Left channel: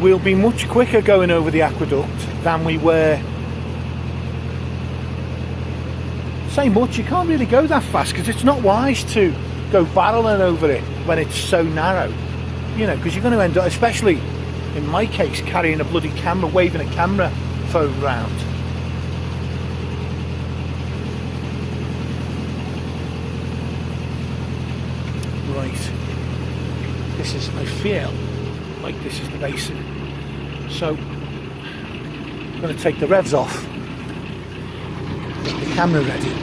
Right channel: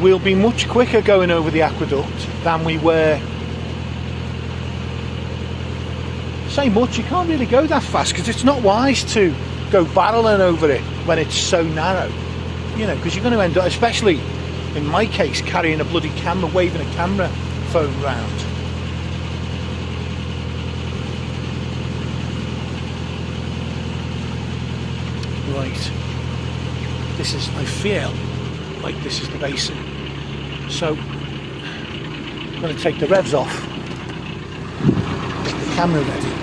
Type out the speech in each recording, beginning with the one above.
we'll be much quicker going over the aqueduct than we were. Say much, you can't really go that fast because it's not wise to go barreling over it when it's so narrow, you know, because you're going to end up, especially in my case, carrying a bloody camera, waving a camera phone round. Right, this is, I feel like this is the basin, so I'm going to take the revs off, get the camera ready.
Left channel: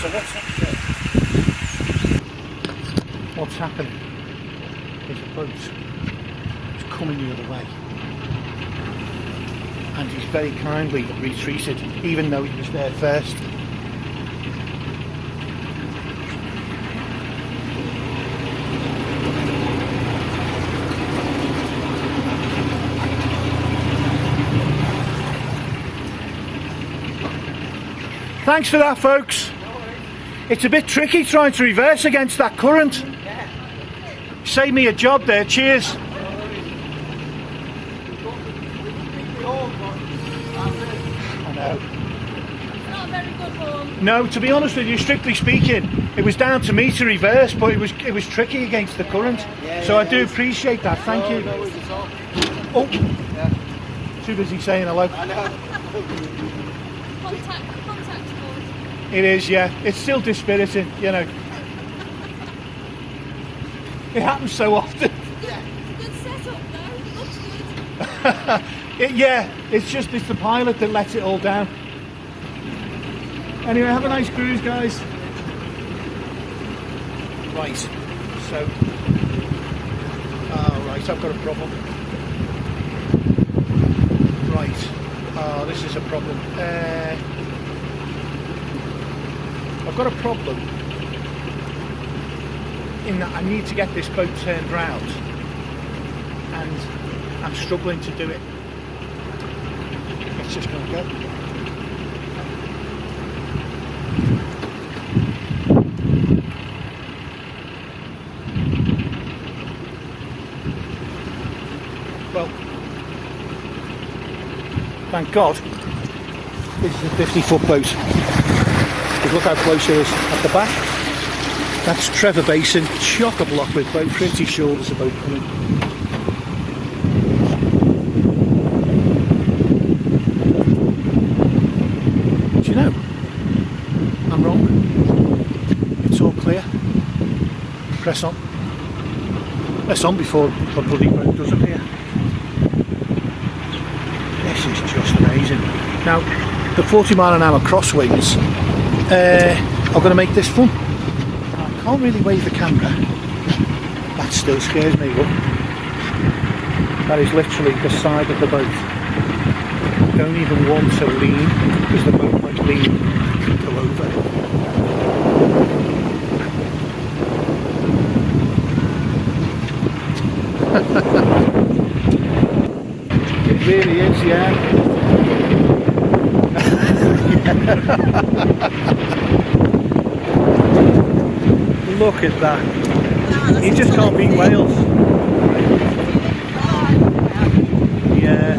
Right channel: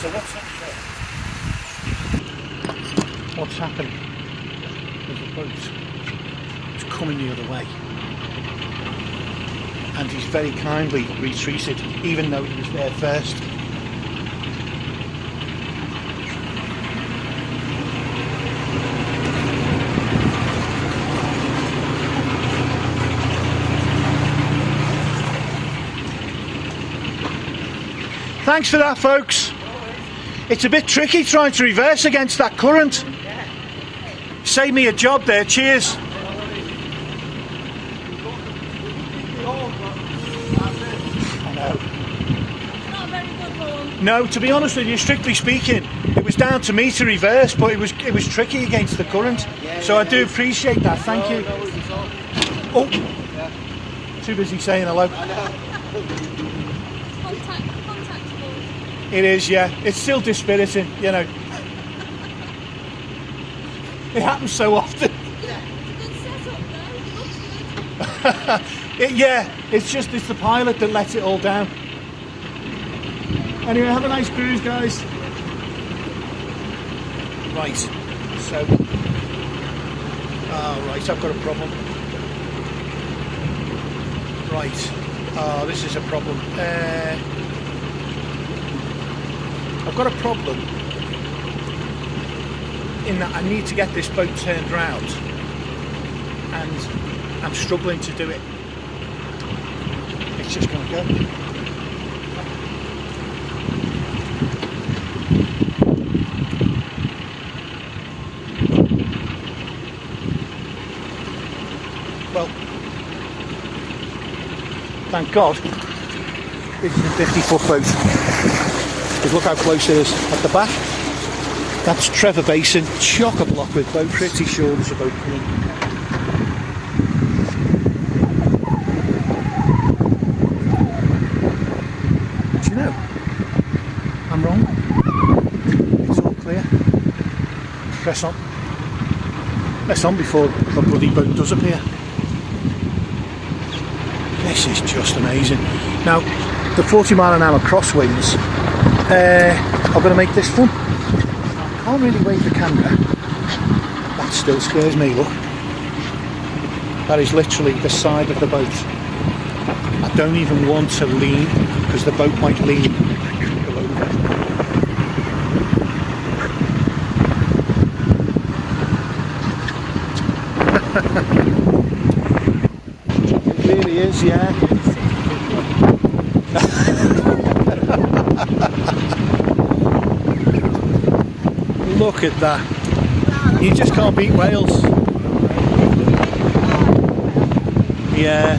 So what's happening? What's happening? There's a boat. It's coming the other way. And he's very kindly retreated, even though he was there first. Thanks for that, folks. It's a bit tricky trying to reverse against that current. Save me a job there, cheers. I know. No, to be honest with you, strictly speaking, it was down to me to reverse, but it was tricky against the current. So I do appreciate that, thank you. Oh, too busy saying hello. It is, yeah. It's still dispiriting, you know. It happens so often. Yeah, it's the pilot that lets it all down. Anyway, have a nice cruise, guys. Right, so... Oh, right, I've got a problem. Right. Oh, this is a problem. I've got a problem in that I need to get this boat turned round and I'm struggling to do it. It's just not go. Well, thank God this is a 50-foot boat. Because look how close it is at the back. That's Trevor Basin, chock-a-block with boat. Pretty sure there's a boat coming. Do you know? I'm wrong. It's all clear. Press on. Press on before the bloody boat does appear. This is just amazing. Now, the 40-mile-an-hour crosswinds are going to make this fun. I can't really wave the camera. That still scares me, look. That is literally the side of the boat. I don't even want to lean because the boat might lean and I could go over. It really is, yeah. Look at that. You just can't beat Wales. Yeah.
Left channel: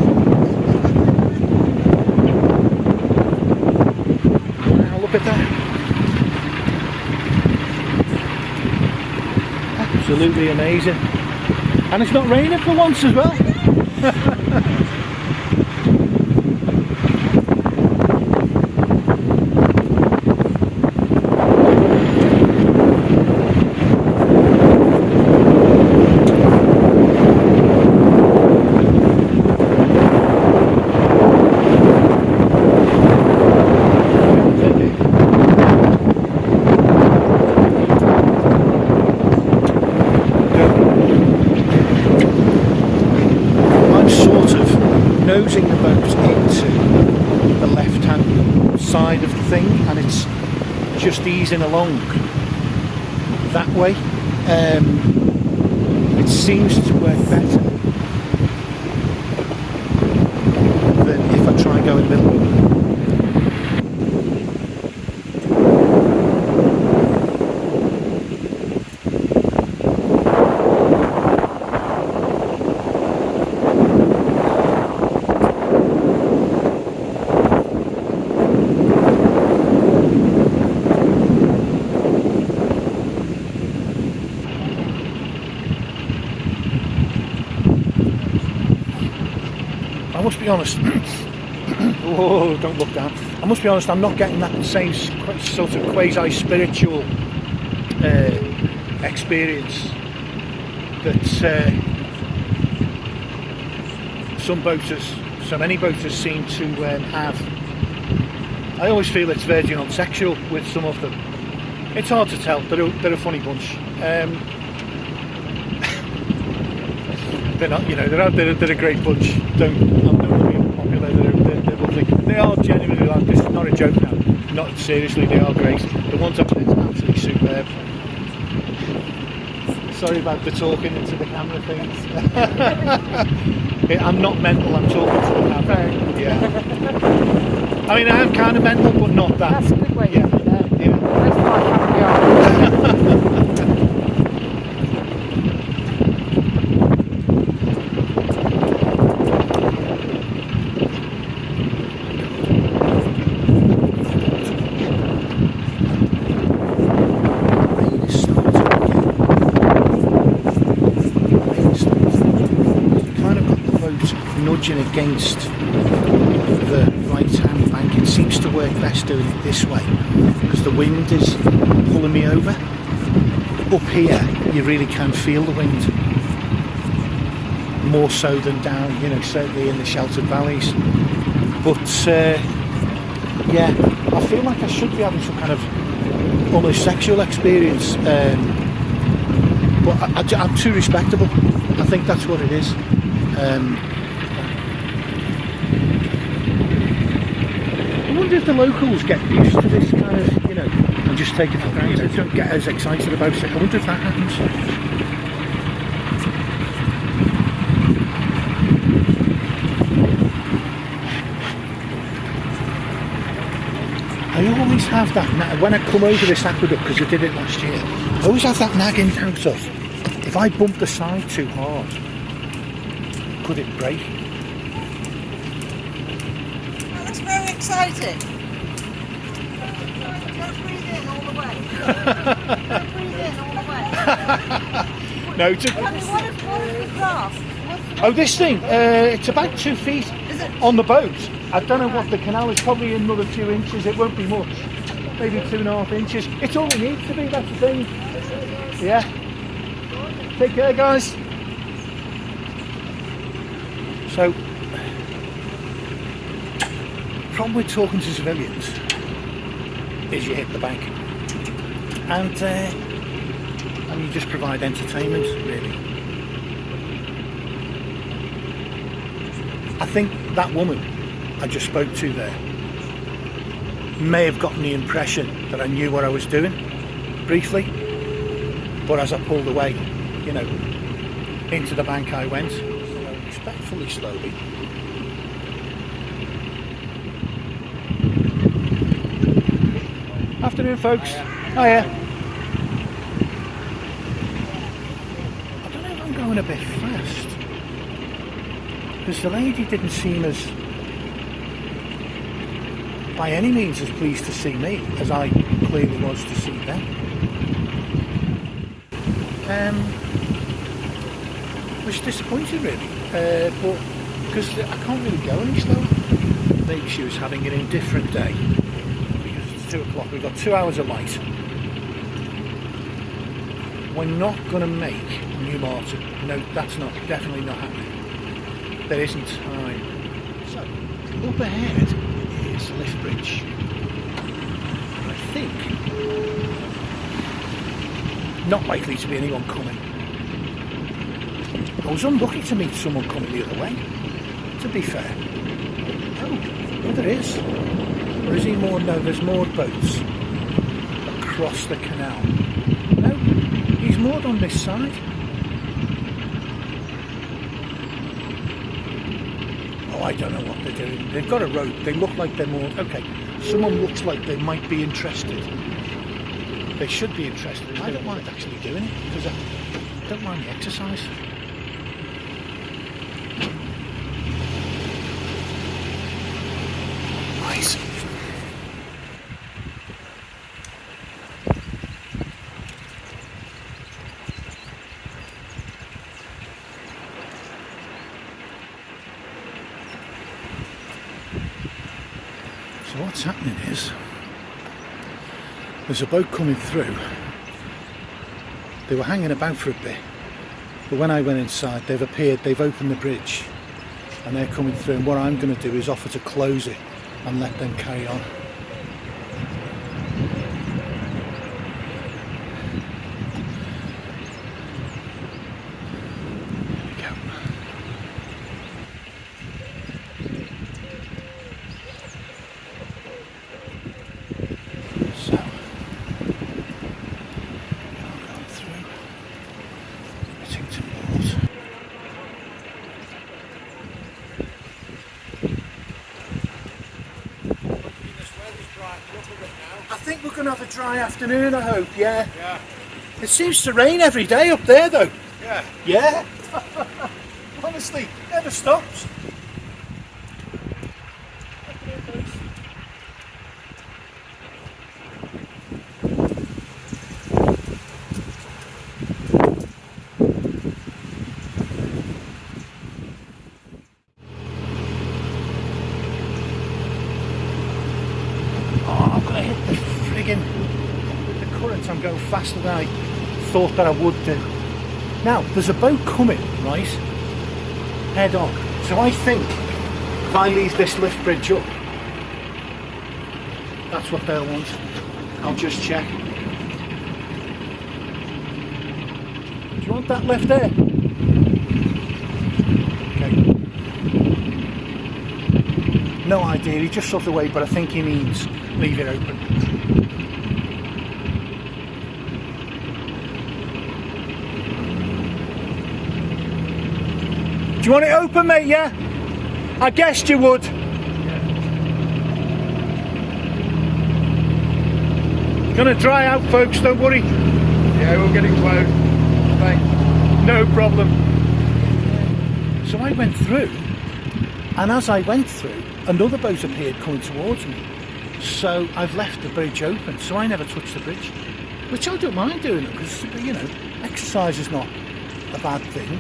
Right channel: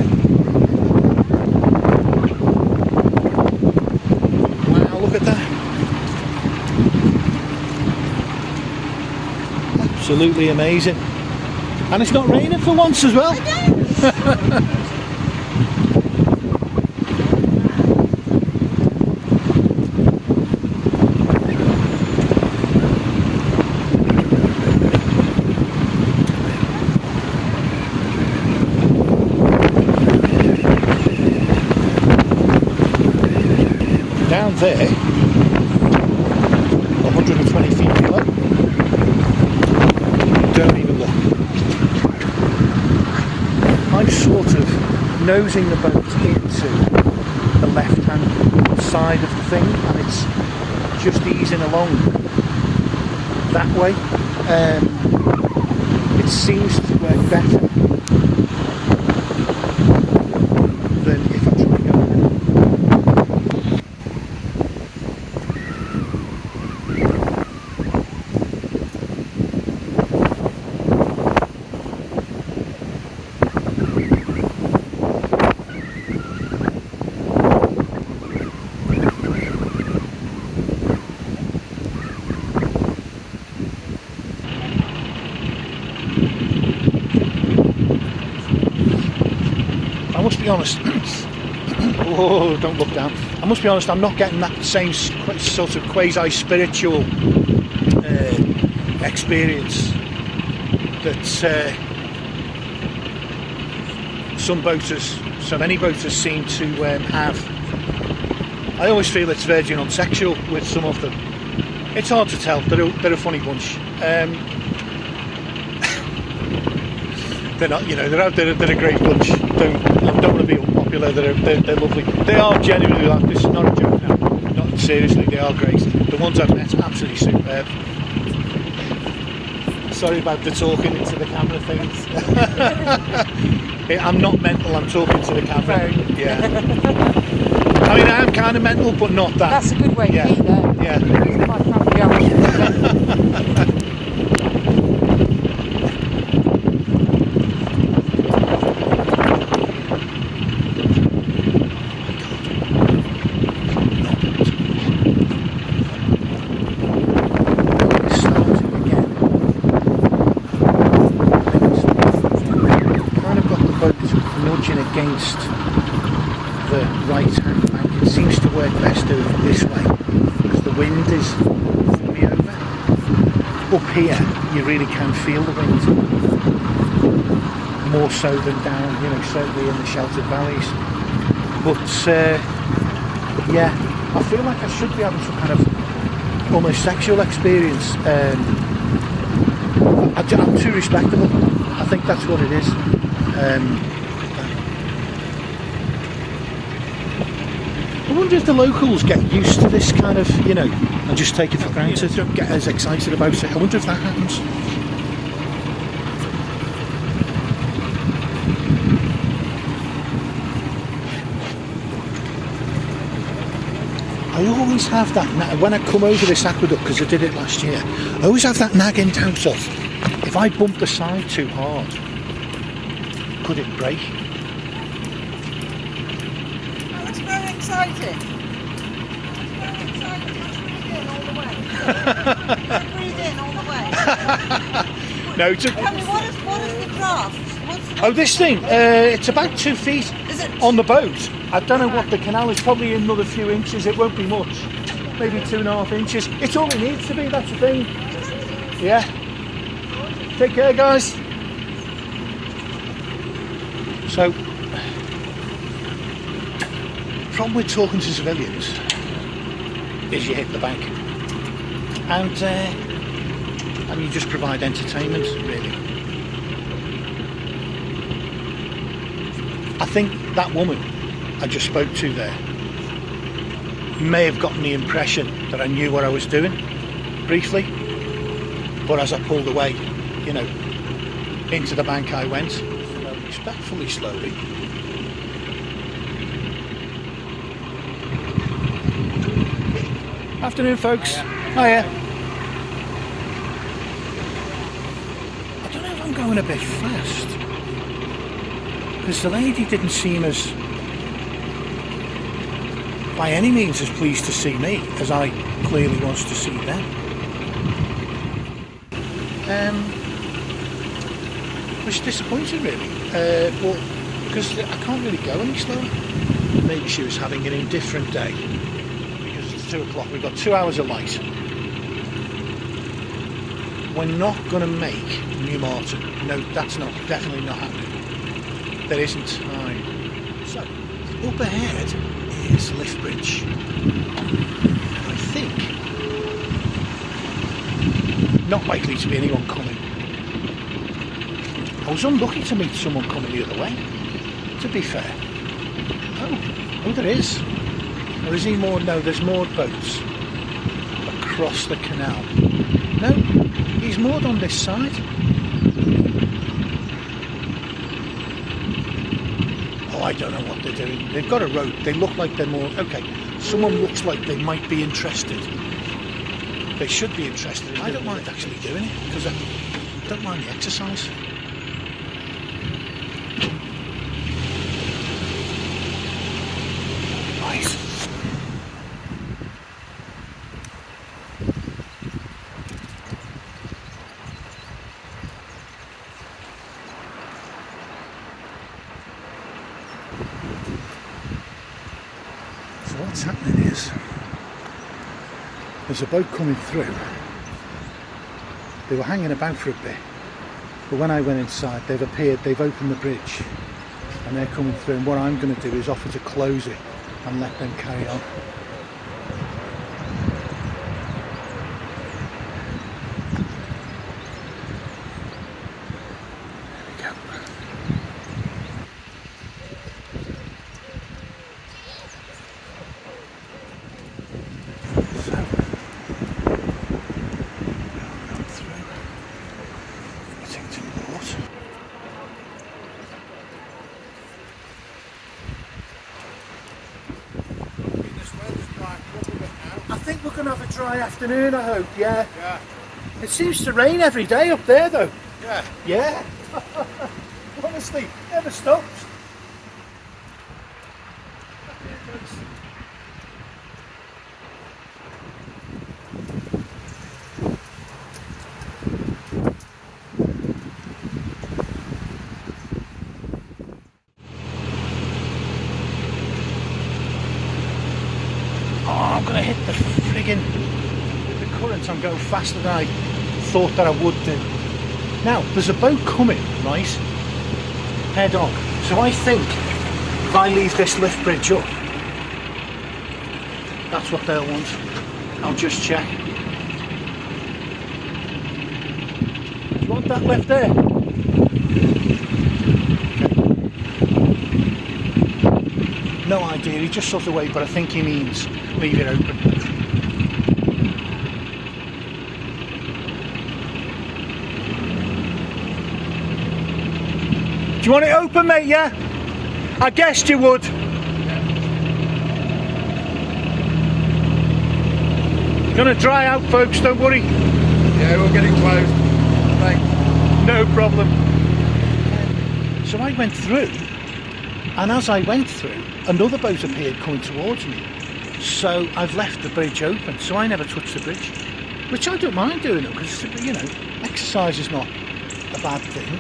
Wow, look at that. Absolutely amazing. And it's not raining for once as well. I'm sort of nosing the boat into the left-hand side of the thing, and it's just easing along that way. It seems to work better than if I try and go in the middle. I must be honest. Oh, don't look down. I must be honest, I'm not getting that same sort of quasi-spiritual experience that so many boaters seem to have. I always feel it's verging on sexual with some of them. It's hard to tell. They're a funny bunch. They're not, you know, they're a great bunch. I'm not going to be popular. They're lovely. They are genuinely like this. Is not a joke now. Not seriously. They are great. The ones I've met, absolutely superb. Sorry about the talking into the camera things. I'm not mental. I'm talking to the camera. Yeah. I mean, I am kind of mental, but not that. That's a good way to be there. Yeah. Nudging against the right hand bank. It seems to work best doing it this way because the wind is pulling me over. Up here you really can feel the wind more so than down, you know, certainly in the sheltered valleys. But yeah, I feel like I should be having some kind of almost sexual experience, but I'm too respectable. I think that's what it is. I wonder if the locals get used to this kind of, you know, and just take it for granted, don't get as excited about it. I wonder if that happens. I always have that, when I come over this aqueduct, because I did it last year, I always have that nagging doubt of, if I bump the side too hard, could it break? That's very exciting. Don't breathe in all the way. No, Tell me, what is the draft? oh, this thing, it's about 2 feet on the boat. I don't know what the canal is, probably another few inches, it won't be much. Maybe 2.5 inches. It's all it needs to be, that's the thing. Yeah. Take care, guys. So, problem with talking to civilians is you hit the bank. And you just provide entertainment, really. I think that woman I just spoke to there may have gotten the impression that I knew what I was doing, briefly, but as I pulled away, you know, into the bank I went, respectfully, slowly. Afternoon, folks. Hiya. I don't know if I'm going a bit fast, because the lady didn't seem as, by any means, as pleased to see me as I clearly was to see them. Which is disappointing, really, but because I can't really go any slower. Maybe she was having an indifferent day, because it's 2 o'clock, we've got 2 hours of light. We're not going to make New Martin. No, that's not, definitely not happening. There isn't time. So, up ahead is the lift bridge. And I think not likely to be anyone coming. I was unlucky to meet someone coming the other way. to be fair. Oh, there is. Or is he moored? No, there's moored boats across the canal. No, he's moored on this side. Oh, I don't know what they're doing. They've got a rope. They look like they're moored. Okay, someone looks like they might be interested. They should be interested. I don't mind actually doing it because I don't mind the exercise. Nice. So what's happening is there's a boat coming through. They were hanging about for a bit, but when I went inside they've appeared, they've opened the bridge and they're coming through, and what I'm going to do is offer to close it and let them carry on. There we go. So, we are going through Whittington Port. I think we're going to have a dry afternoon, I hope, yeah. Yeah. It seems to rain every day up there though. Yeah. Yeah. Honestly, never stops. Afternoon, folks. Oh, I'm going to hit the friggin', with the current I'm going faster than I thought that I would do. Now, there's a boat coming, right, head on. So I think if I leave this lift bridge up, that's what they'll want. I'll just check. Do you want that left there? Okay. No idea, he just saw the way, but I think he means leave it open. Do you want it open, mate, yeah? I guessed you would. Yeah. Gonna dry out, folks, don't worry. Yeah, we're getting close. Thanks. No problem. So I went through, and as I went through, another boat appeared coming towards me. So I've left the bridge open, so I never touched the bridge. Which I don't mind doing it, because, you know, exercise is not a bad thing.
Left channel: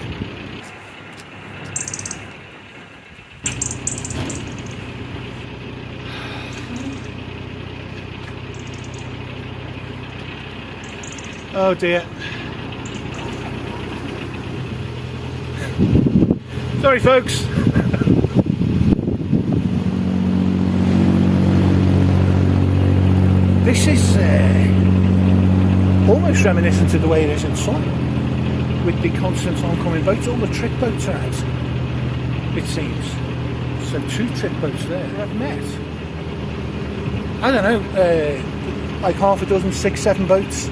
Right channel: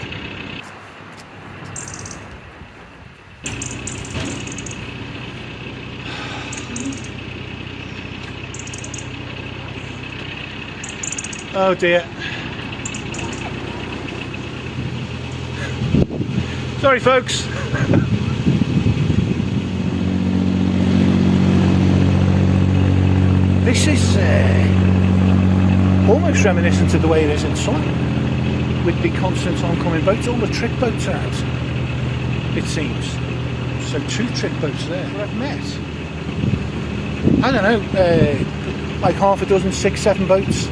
Oh dear. Sorry folks. This is almost reminiscent of the way it is in summer, with the constant oncoming boats. All the trick boats are out, it seems. So 2 trick boats there who I've met. I don't know, like half a dozen, 6, 7 boats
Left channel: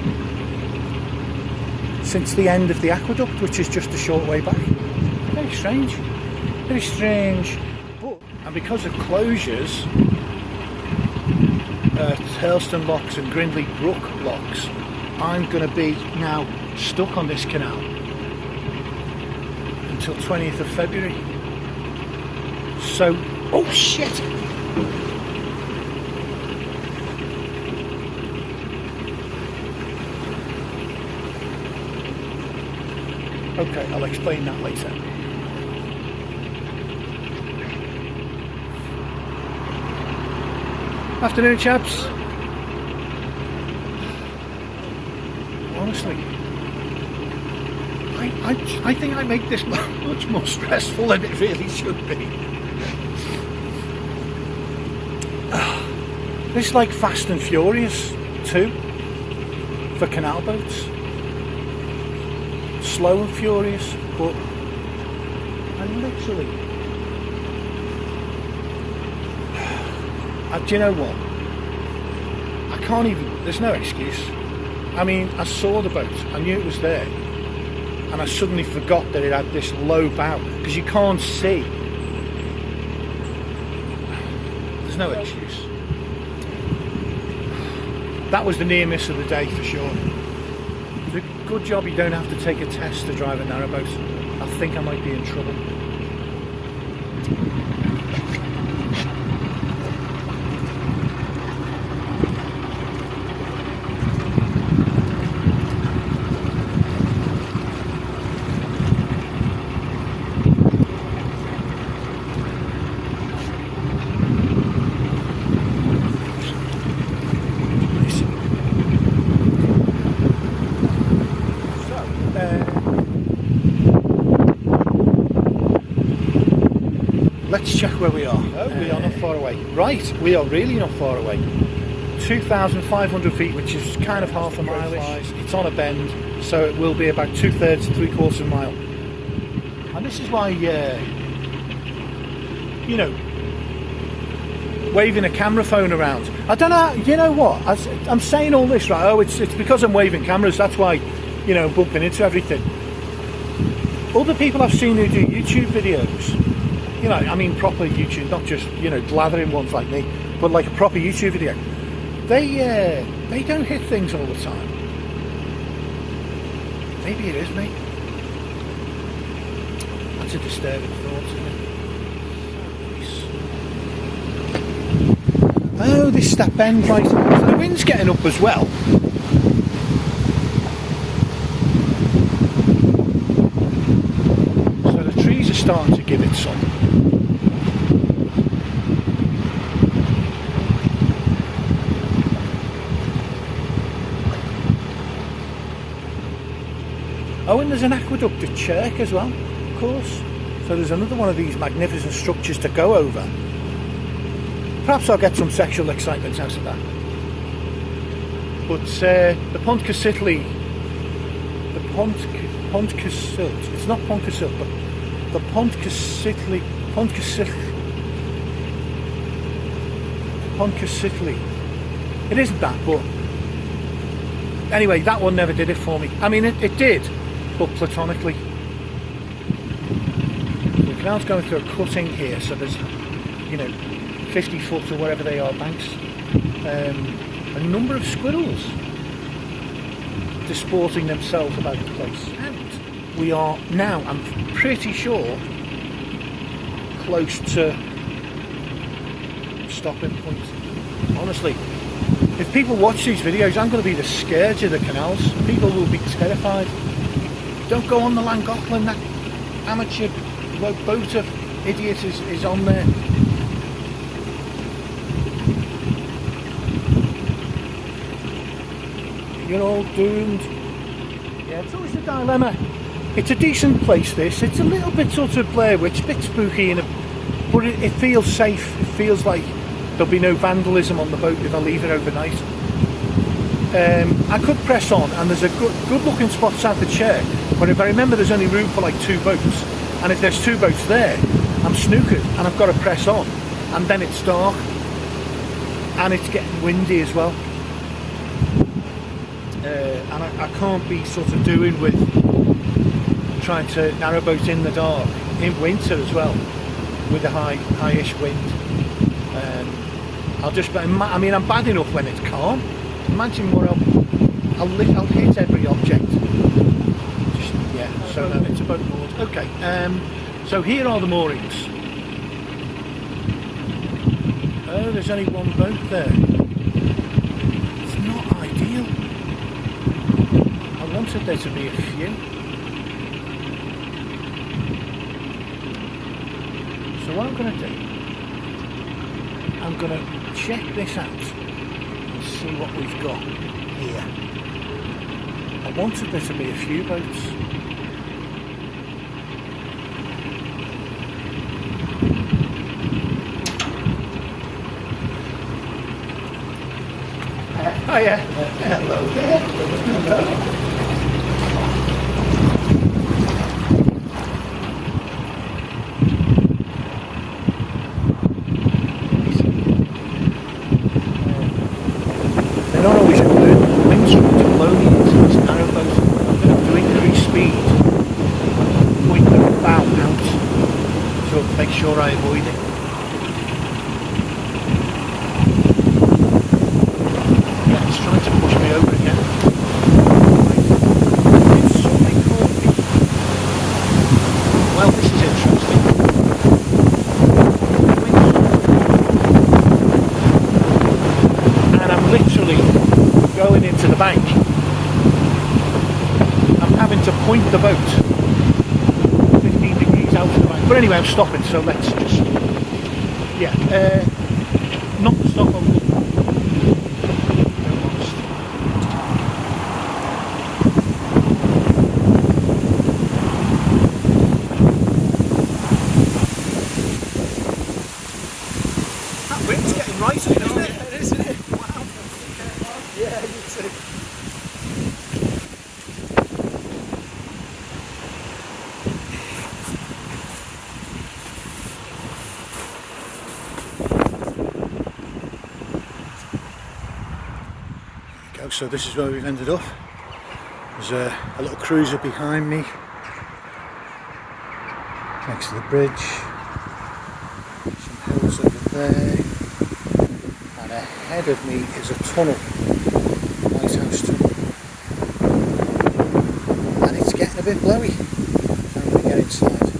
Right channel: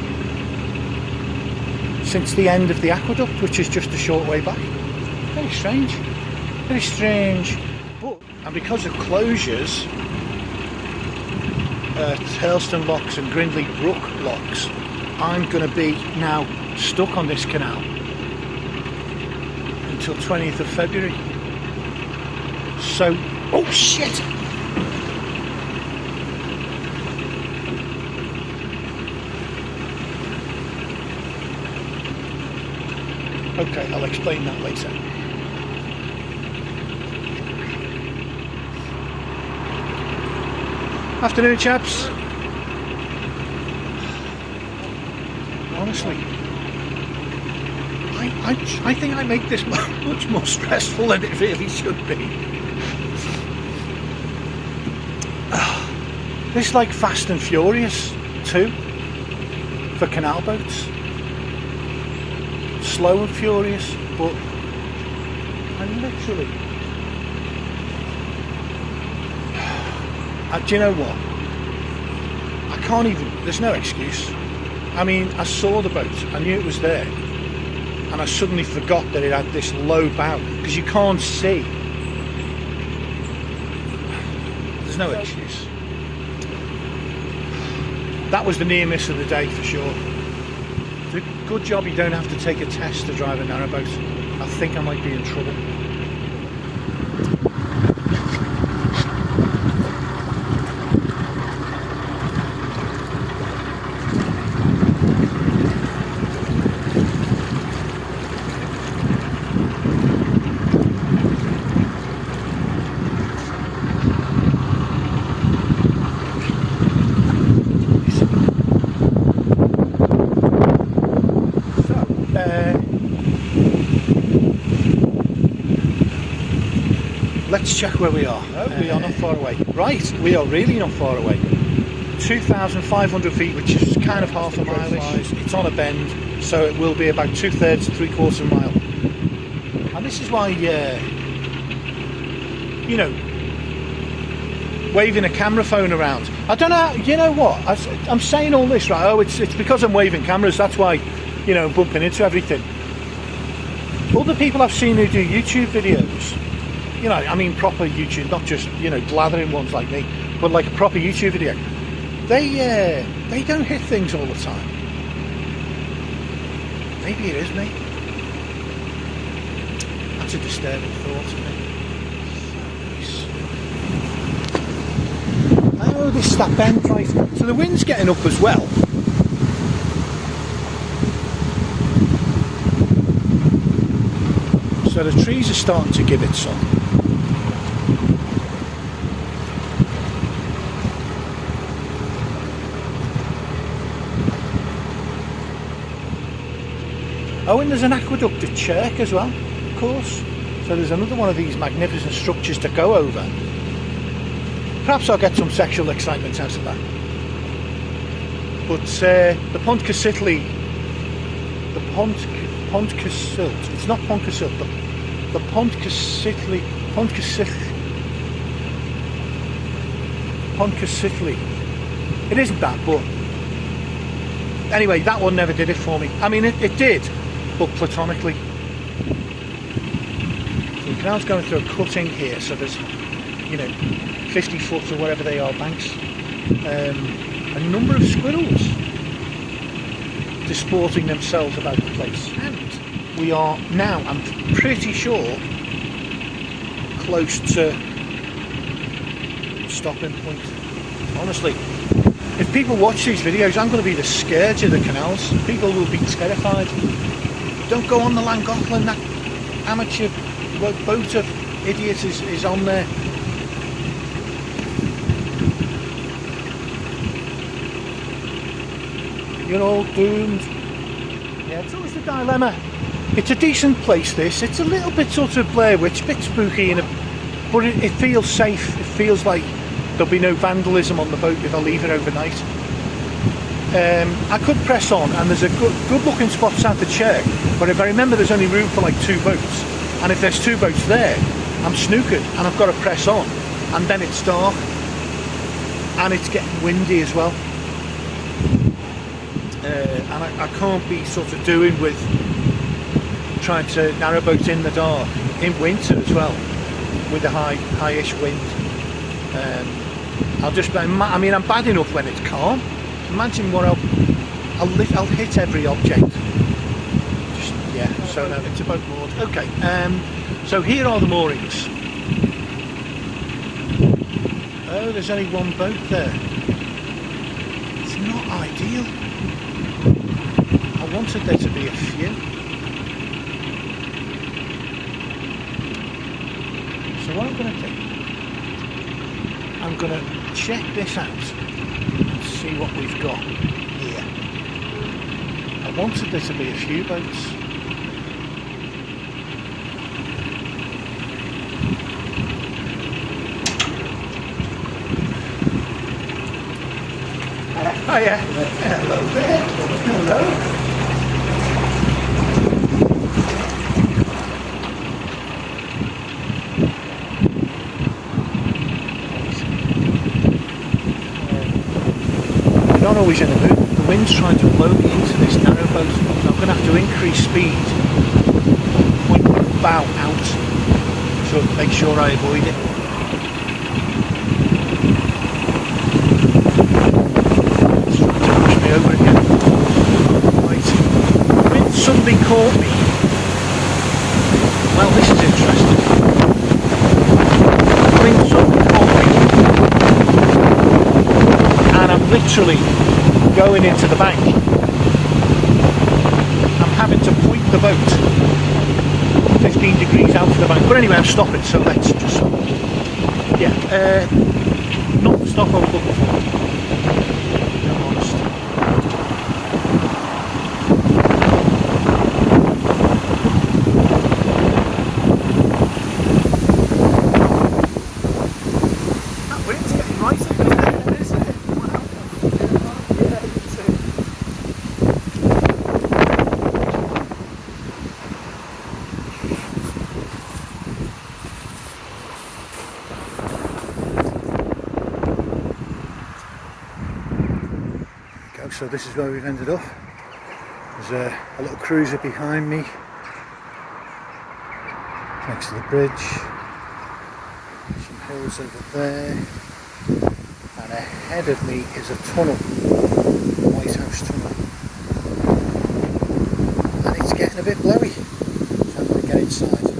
since the end of the aqueduct, which is just a short way back. Very strange. Very strange. But, and because of closures at Hurlstone Locks and Grindley Brook Locks, I'm going to be now stuck on this canal until 20th of February. So, oh shit! Okay, I'll explain that later. Afternoon, chaps. Honestly, I think I make this much more stressful than it really should be. This is like Fast and Furious 2 for canal boats. Slow and furious, but I literally Do you know what? I can't even, there's no excuse. I mean, I saw the boat, I knew it was there, and I suddenly forgot that it had this low bow, because you can't see. There's no excuse. That was the near miss of the day for sure. It's a good job you don't have to take a test to drive a narrowboat. I think I might be in trouble. Let's check where we are. No, we are not far away. Right, we are really not far away. 2,500 feet, which is kind of half a mile-ish. It's on a bend, so it will be about 2/3 to 3/4 mile. And this is why, you know, waving a camera phone around. I don't know, you know what? I'm saying all this, right? Oh, it's because I'm waving cameras, that's why, you know, bumping into everything. Other people I've seen who do YouTube videos, you know, I mean proper YouTube, not just, you know, blathering ones like me, but like a proper YouTube video. They don't hit things all the time. Maybe it is me. That's a disturbing thought, isn't it? So nice. Oh, this is that bend right. So the wind's getting up as well. So the trees are starting to give it some. Oh, and there's an aqueduct at Chirk as well, of course. So there's another one of these magnificent structures to go over. Perhaps I'll get some sexual excitement out of that. But the Pontcysyllte, it's not Pontcysyllte, but the Pontcysyltte, it isn't that, but anyway, that one never did it for me. I mean, it did, but platonically. So the canal's going through a cutting here, so there's, you know, 50 foot or whatever they are banks. A number of squirrels disporting themselves about the place. And we are now, I'm pretty sure, close to stopping point. Honestly, if people watch these videos, I'm going to be the scourge of the canals. People will be terrified. Don't go on the Llangollen, that amateur boat of idiot is on there. You're all doomed. Yeah, it's always a dilemma. It's a decent place, this. It's a little bit sort of Blair Witch, a bit spooky, but it feels safe. It feels like there'll be no vandalism on the boat if I leave it overnight. I could press on, and there's a good looking spot south of Chirk, but if I remember, there's only room for like 2 boats, and if there's 2 boats there, I'm snookered, and I've got to press on, and then it's dark, and it's getting windy as well. And I can't be sort of doing with trying to narrowboat in the dark in winter as well, with the high-ish wind. I mean, I'm bad enough when it's calm. Imagine what I'll hit every object. Just, yeah. So it's a boat moored. Okay. So here are the moorings. Oh, there's only one boat there. It's not ideal. I wanted there to be a few. So what I'm going to do, I'm going to check this out and see what we've got here. I wanted there to be a few boats. Hiya. Hello there. Hello. noise and the wind's trying to blow me into this narrowboat. So I'm going to have to increase speed and point the bow out to make sure I avoid it. It's trying to push me over again. Right, the wind suddenly caught me. Well, this is interesting. The wind suddenly caught me. And I'm literally going into the bank. I'm having to point the boat 15 degrees out of the bank. But anyway, I'm stopping, so let's just... Yeah, not the stop I'm looking for. I'm honest. That wind's getting right, isn't it? It is, isn't it? Yeah, you can see. So this is where we've ended up. There's a little cruiser behind me next to the bridge, some hills over there, and ahead of me is a tunnel, the lighthouse tunnel, and it's getting a bit blowy. I'm going to get inside.